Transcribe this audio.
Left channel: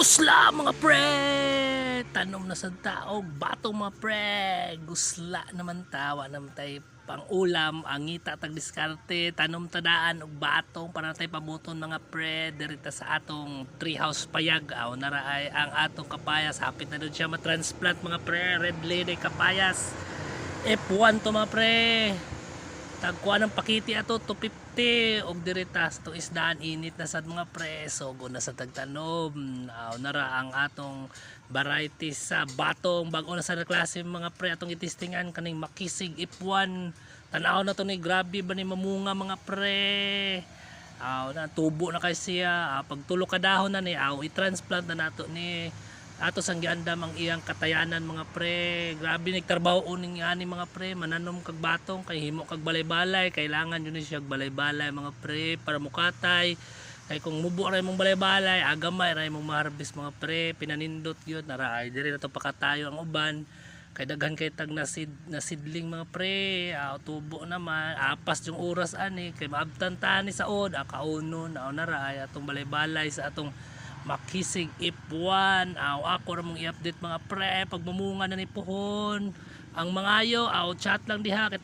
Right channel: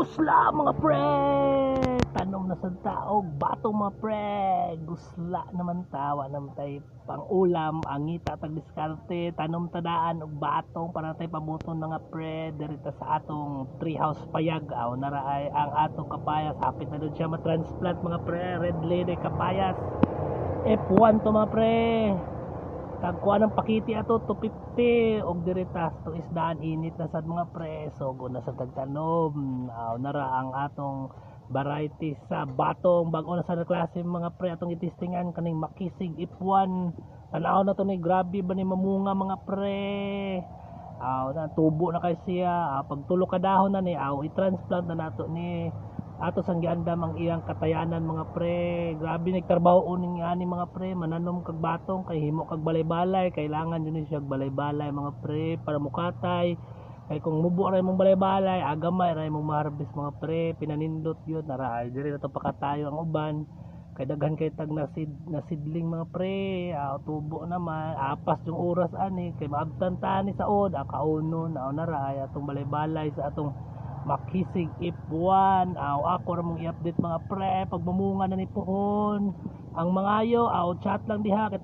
Gusla mga pre! Tanom na sa taog, batong mga pre! Gusla naman tawa naman tayo pang ulam, angita tag diskarte, tanom tadaan og batong para tayo pabuton mga pre, dirita sa atong treehouse payag. Aw naraay ang atong kapayas, hapit na doon siya matransplant mga pre, red lady kapayas. F1 to mga pre. Tagkuha ng pakiti ato 250 og diritas to isdaan init na sad mga preso go na sa tagtanom. Nara ang atong variety sa batong bag-o na sa klase mga pre atong itistingan kaning makisig F1. Tanaw na to ni grabe ba ni mamunga mga pre. Na tubo na kay siya. Pag tulo ka dahon na ni i-transplant na nato ni ato sang giandam ang iyang katayanan mga pre. Grabe nagtrabaho uning ani mga pre, mananom kag batong kay himo kag balay-balay, kailangan yun siya balay-balay mga pre para mukatay. Kay kung mubo ra imong balay-balay, agamay ra imong ma-harvest mga pre, pinanindot gyud nara ay diri na to pakatayo ang uban. Kay daghan kay tag na seedling mga pre, tubo naman, apas yung oras ani kay maabtan ta ni saod, kaunon nara ay atong balay-balay sa atong makisig F1. Ako ramong i-update mga pre pag mamunga na ni pohon ang mga ayo chat lang diha kay